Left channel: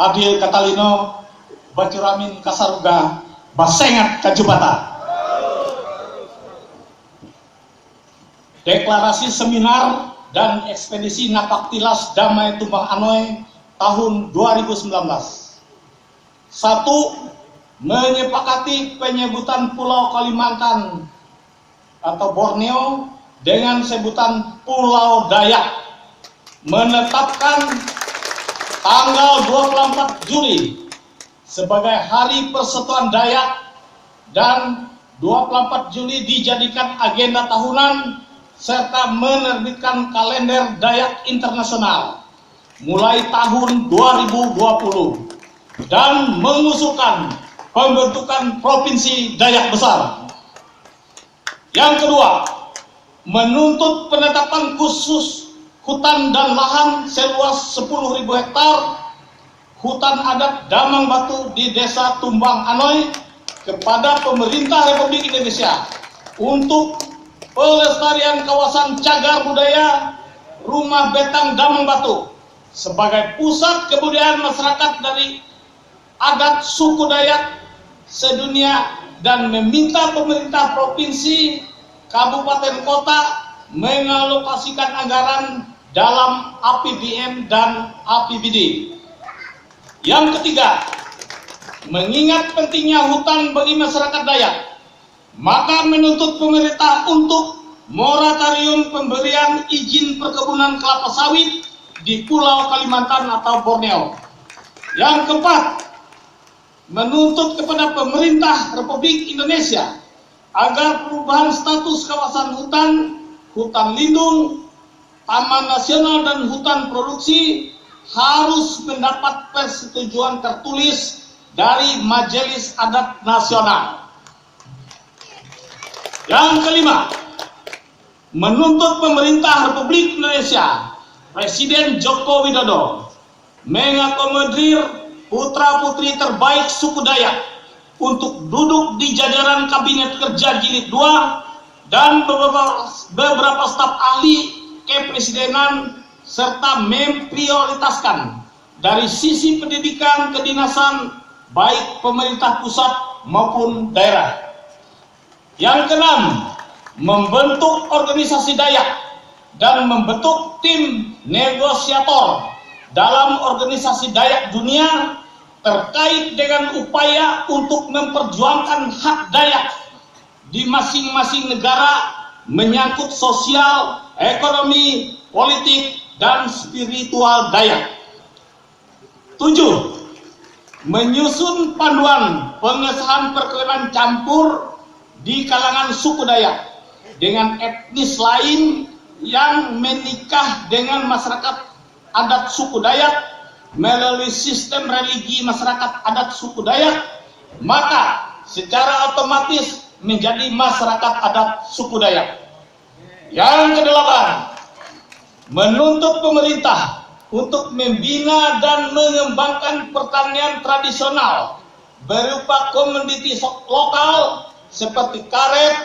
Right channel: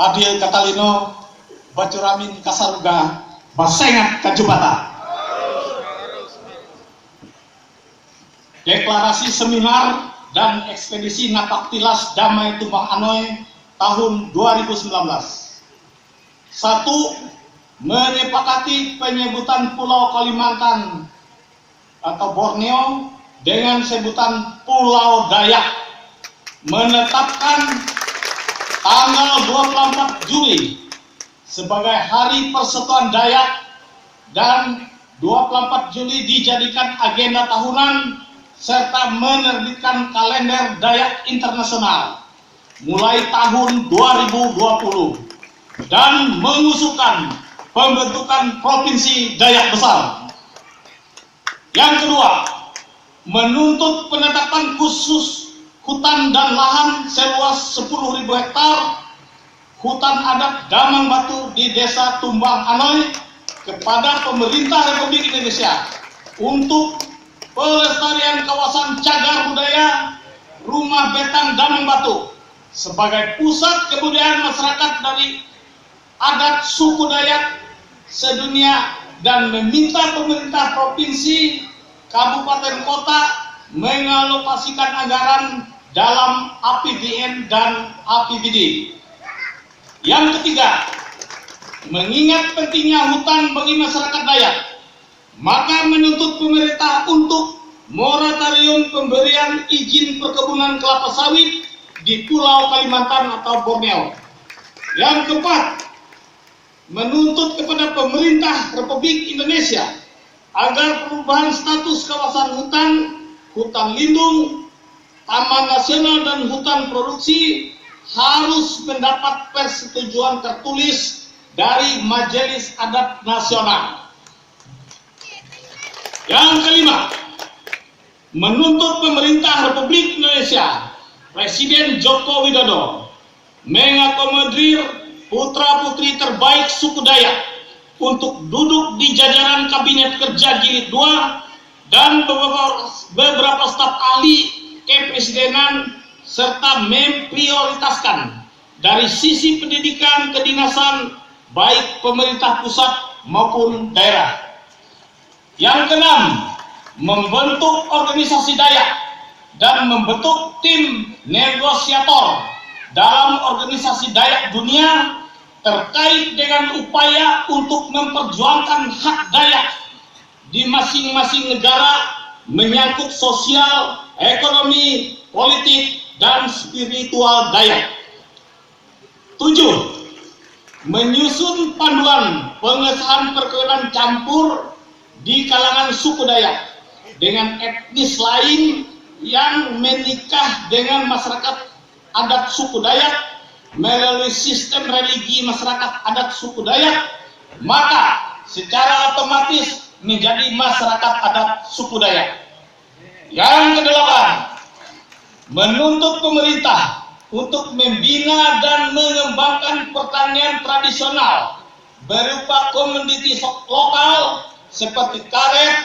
Adil Katalino Bacuramin Kasaruga Basengat Kajubata. Deklarasi seminar dan ekspedisi Napaktilas Damai Tumbang Anoy tahun 2019. 1. Menyepakati penyebutan Pulau Kalimantan atau Borneo dengan sebutan Pulau Dayak. Menetapkan tanggal 24 Juli sebagai Hari Persatuan Dayak dan 24 Juli dijadikan agenda tahunan serta menerbitkan kalender Dayak internasional mulai tahun 2020 dan mengusulkan pembentukan Provinsi Dayak Besar. Yang kedua, menuntut penetapan khusus hutan dan lahan seluas 10.000 hektar hutan adat Damang Batu di Desa Tumbang Anoy kepada pemerintah Republik Indonesia untuk pelestarian kawasan cagar budaya Rumah Betang Damang Batu sebagai pusat kebudayaan masyarakat dari adat suku Dayak sedunia dan meminta pemerintah provinsi, kabupaten, kota mengalokasikan anggaran dalam APBN dan APBD. Yang ketiga, mengingat pentingnya hutan bagi masyarakat Dayak, maka menuntut pemerintah untuk moratorium pemberian izin perkebunan kelapa sawit di Pulau Kalimantan atau Borneo. Yang keempat, menuntut kepada pemerintah Republik Indonesia agar perubahan status kawasan hutan, hutan lindung, taman nasional dan hutan produksi harus mendapat persetujuan tertulis dari Majelis Adat Nasional. Yang kelima, menuntut pemerintah Republik Indonesia, Presiden Joko Widodo mengakomodir putra-putri terbaik suku Dayak untuk duduk di jajaran Kabinet Kerja Jilid 2 dan beberapa staf ahli kepresidenan serta memprioritaskan dari sisi pendidikan kedinasan baik pemerintah pusat maupun daerah. Yang keenam, membentuk organisasi Dayak dan membentuk tim negosiator dalam organisasi Dayak dunia terkait dengan upaya untuk memperjuangkan hak Dayak di masing-masing negara menyangkut sosial, ekonomi, politik, dan spiritual Dayak. 7. Menyusun panduan pengesahan perkawinan campur di kalangan suku Dayak dengan etnis lain yang menikah dengan masyarakat adat suku Dayak melalui sistem religi masyarakat adat suku Dayak, maka secara otomatis menjadi masyarakat adat suku Dayak. Yang kedelapan, menuntut pemerintah untuk membina dan mengembangkan pertanian tradisional berupa komoditi lokal seperti karet,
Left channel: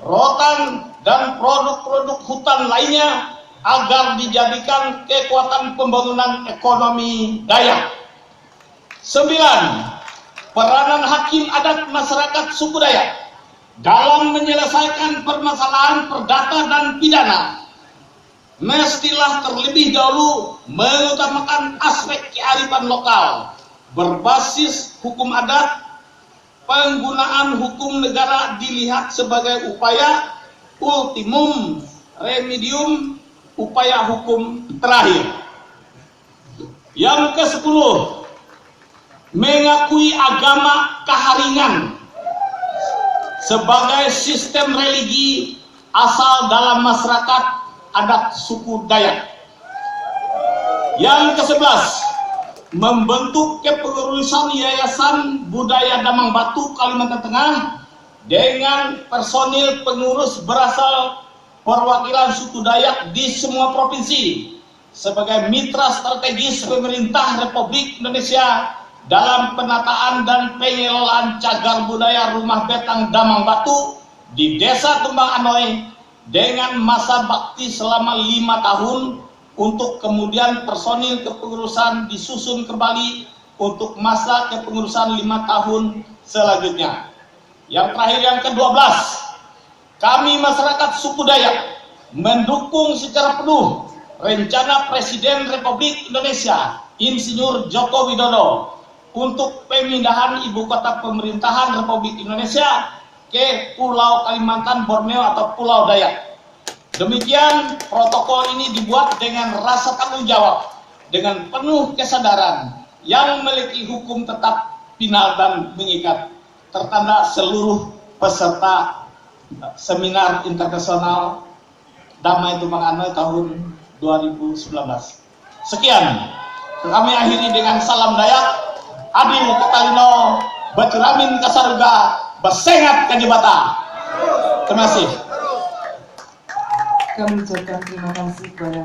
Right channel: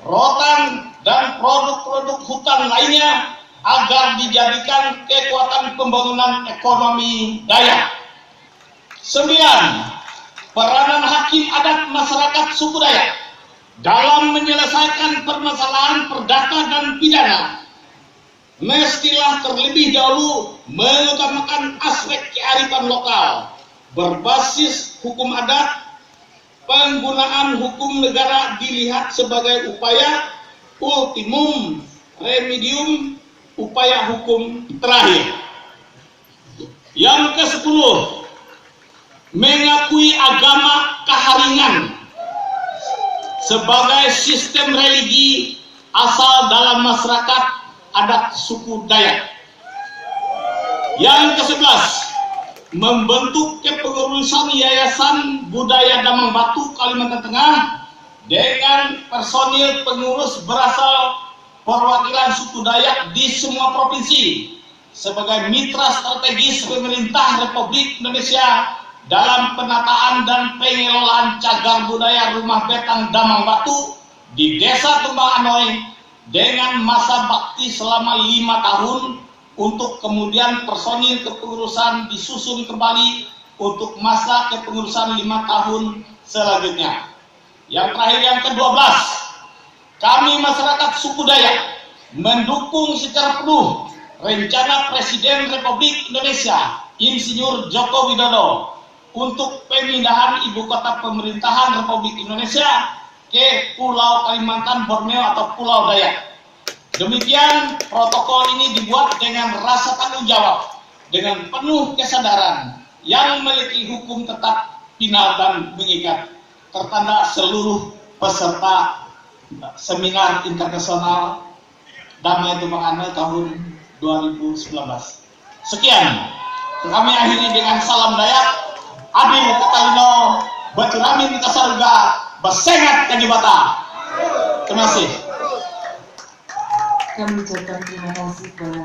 rotan, dan produk-produk hutan lainnya agar dijadikan kekuatan pembangunan ekonomi Dayak. 9. Peranan hakim adat masyarakat suku Dayak dalam menyelesaikan permasalahan perdata dan pidana mestilah terlebih dahulu mengutamakan aspek kearifan lokal berbasis hukum adat. Penggunaan hukum negara dilihat sebagai upaya ultimum remedium, upaya hukum terakhir. Yang ke-10, mengakui agama Kaharingan sebagai sistem religi asal dalam masyarakat adat suku Dayak. Yang ke-11, membentuk kepengurusan Yayasan Budaya Damang Batu Kalimantan Tengah dengan personil pengurus berasal perwakilan suku Dayak di semua provinsi sebagai mitra strategis pemerintah Republik Indonesia dalam penataan dan pengelolaan cagar budaya Rumah Betang Damang Batu di Desa Tumbang Anoy dengan masa bakti selama 5 tahun untuk kemudian personil kepengurusan disusun kembali untuk masa kepengurusan 5 tahun selanjutnya. Yang terakhir, yang ke-12, kami masyarakat suku Dayak mendukung secara penuh rencana Presiden Republik Indonesia Insinyur Joko Widodo untuk pemindahan ibu kota pemerintahan Republik Indonesia ke Pulau Kalimantan, Borneo atau Pulau Dayak. Demikian protokol ini dibuat dengan rasa tanggung jawab, dengan penuh kesadaran yang memiliki hukum tetap, final dan mengikat, tertanda seluruh peserta seminar internasional Damai Tumpang Anai tahun 2019. Sekian, kami akhiri dengan salam Dayak, adil katalino, baturamin kasarga, basengat kajibata. Terima kasih. Kami ucapkan terima kasih kepada